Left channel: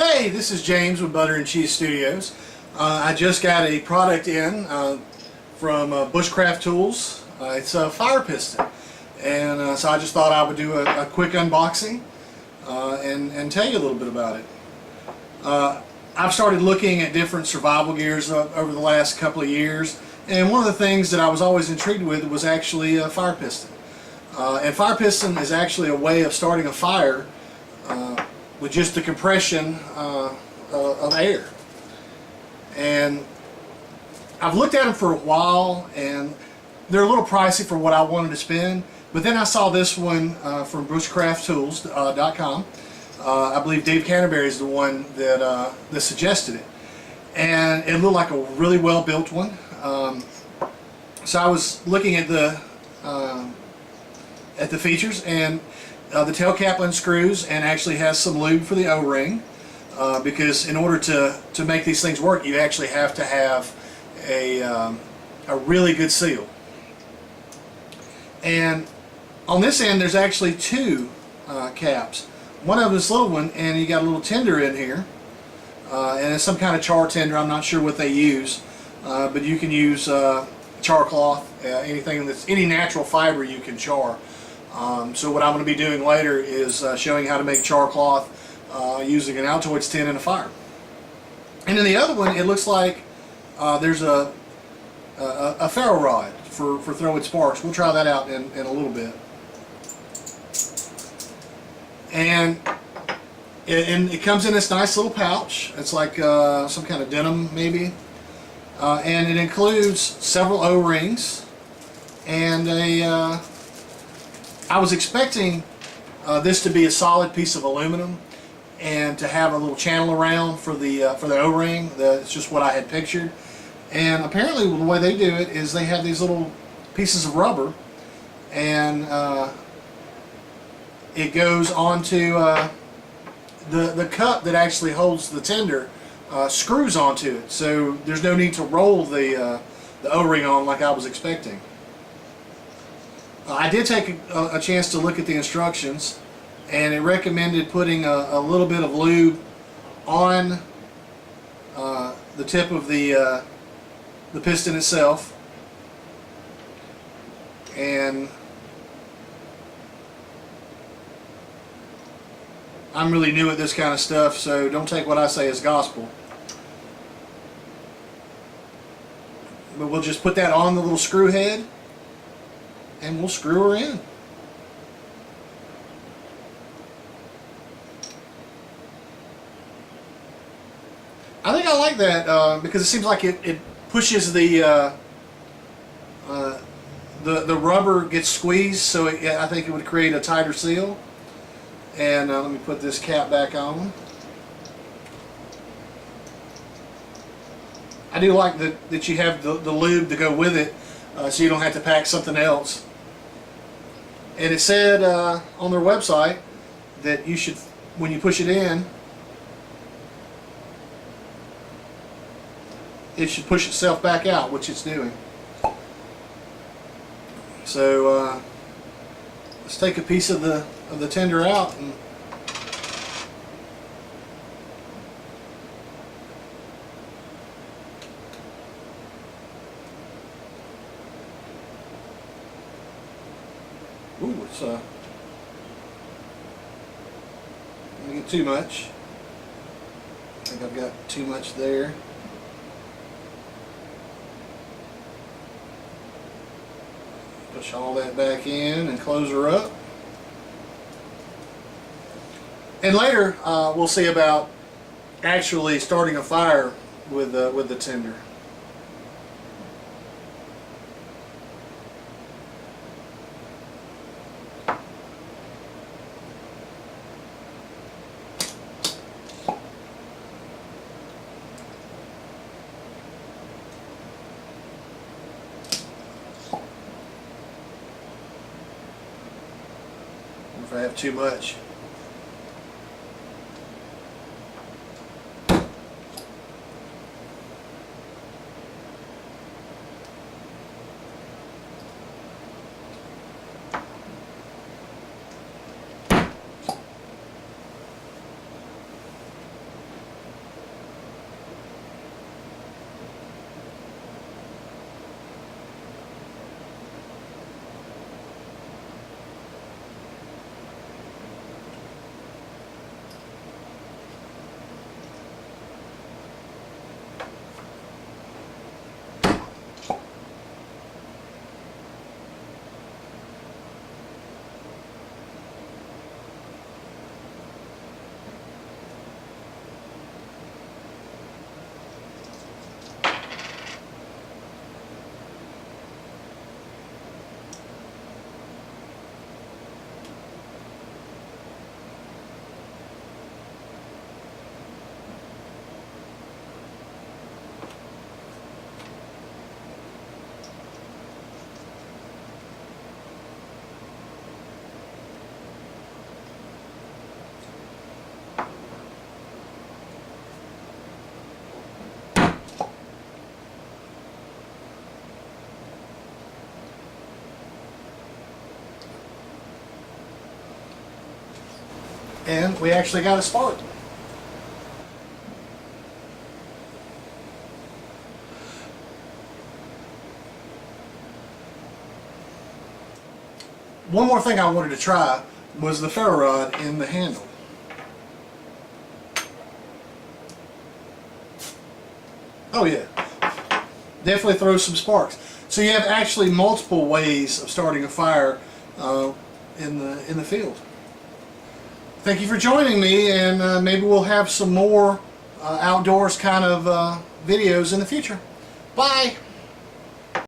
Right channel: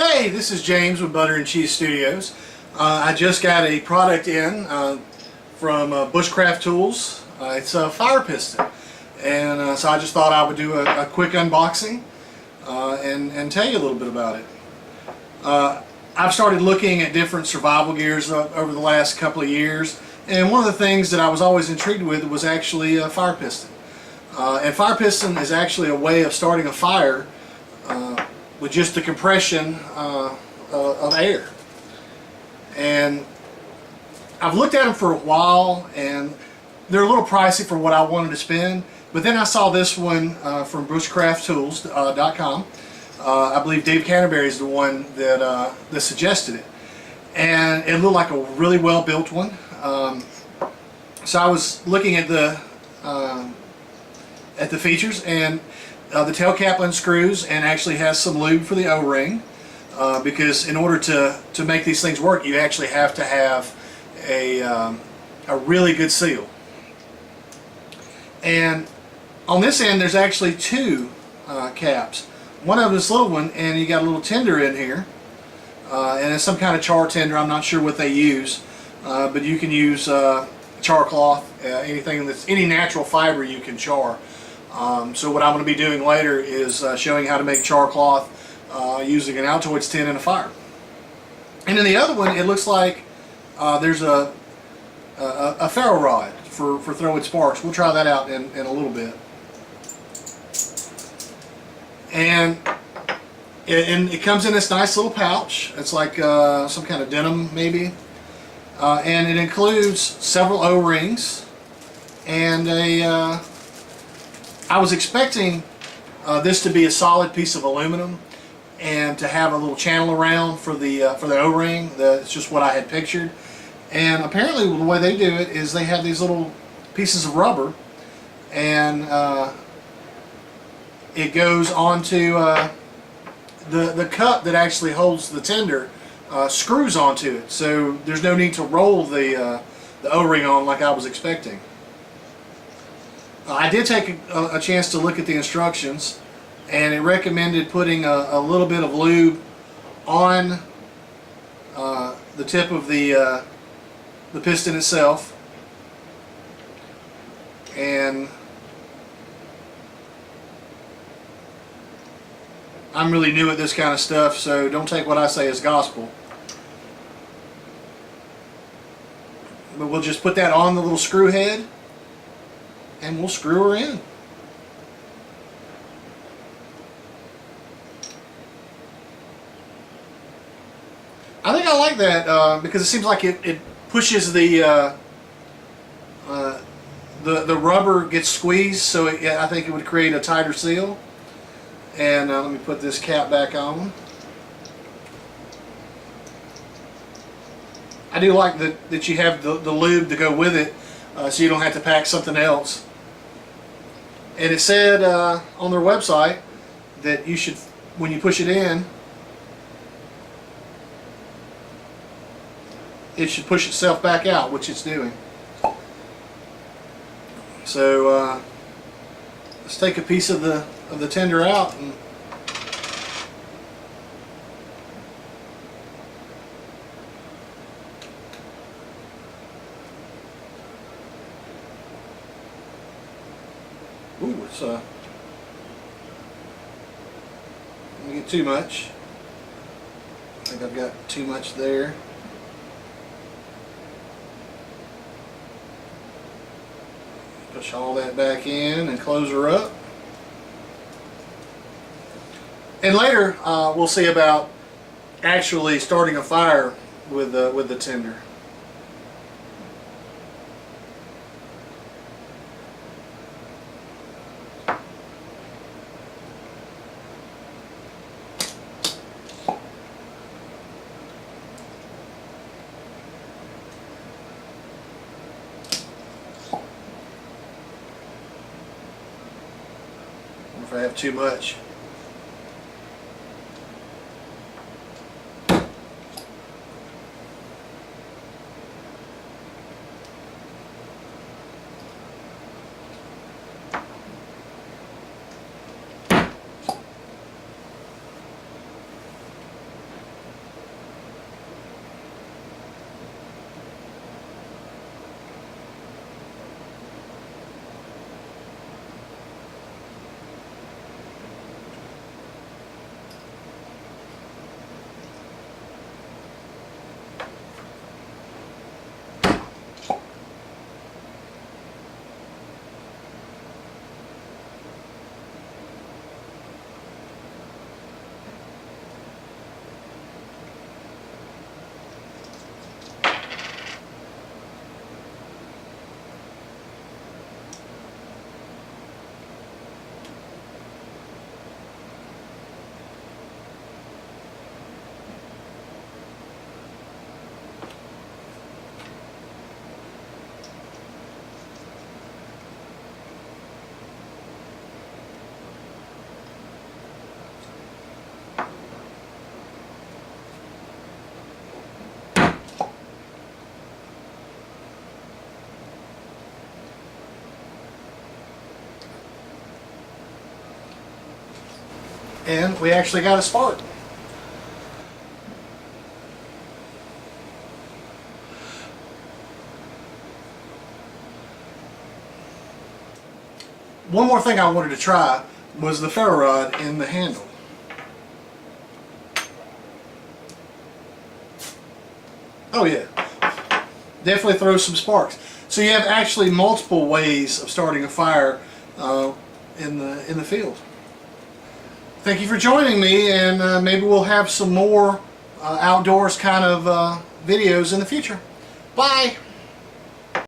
Hey, this is James with Butter and Cheese Studios. I just got a product in from Bushcraft Tools. It's a fire piston, and so I just thought I would do a quick unboxing and tell you a little bit about it. I've started looking at different survival gears over the last couple of years, and one of the things that I was always intrigued with was actually a fire piston. And fire piston is actually a way of starting a fire with just the compression of air. And I've looked at them for a while, and they're a little pricey for what I wanted to spend, but then I saw this one from bushcrafttools.com. I believe Dave Canterbury is the one that suggested it, and it looked like a really well built one. So I was looking at the features, and the tail cap unscrews and actually has some lube for the O-ring, because in order to make these things work, you actually have to have a really good seal. And on this end, there's actually two caps. One of them is this little one, and you got a little tinder in here, and it's some kind of char tinder. I'm not sure what they use, but you can use char cloth, anything that's any natural fiber you can char. So what I'm going to be doing later is showing how to make char cloth using an Altoids tin and a fire. And in the other one, it looks like there's a ferro rod for throwing sparks. We'll try that out in a little bit. And it comes in this nice little pouch. It's like some kind of denim maybe. And it includes several O-rings and I was expecting this to be a solid piece of aluminum and to have a little channel around for the O-ring. That's just what I had pictured. And apparently the way they do it is they have these little pieces of rubber, and it goes onto the cup that actually holds the tinder, screws onto it. So there's no need to roll the O-ring on like I was expecting. I did take a chance to look at the instructions, and it recommended putting a little bit of lube on the tip of the piston itself. And I'm really new at this kind of stuff, so don't take what I say as gospel. But we'll just put that on the little screw head, and we'll screw her in. I think I like that because it seems like it pushes the rubber gets squeezed, so I think it would create a tighter seal. And let me put this cap back on. I do like that you have the lube to go with it, so you don't have to pack something else. And it said on their website that you should, when you push it in, it should push itself back out, which it's doing. So let's take a piece of the tinder out, and ooh, it's let me get too much. I think I've got too much there. Push all that back in and close her up. And later we'll see about actually starting a fire with the tinder. If I have too much. and we actually got a spark. One more thing I wanted to try was the ferro rod in the handle. Oh yeah, definitely throws some sparks. So you have actually multiple ways of starting a fire in the field. Thank you for joining me, and maybe we'll have some more outdoors kind of videos in the future. Bye!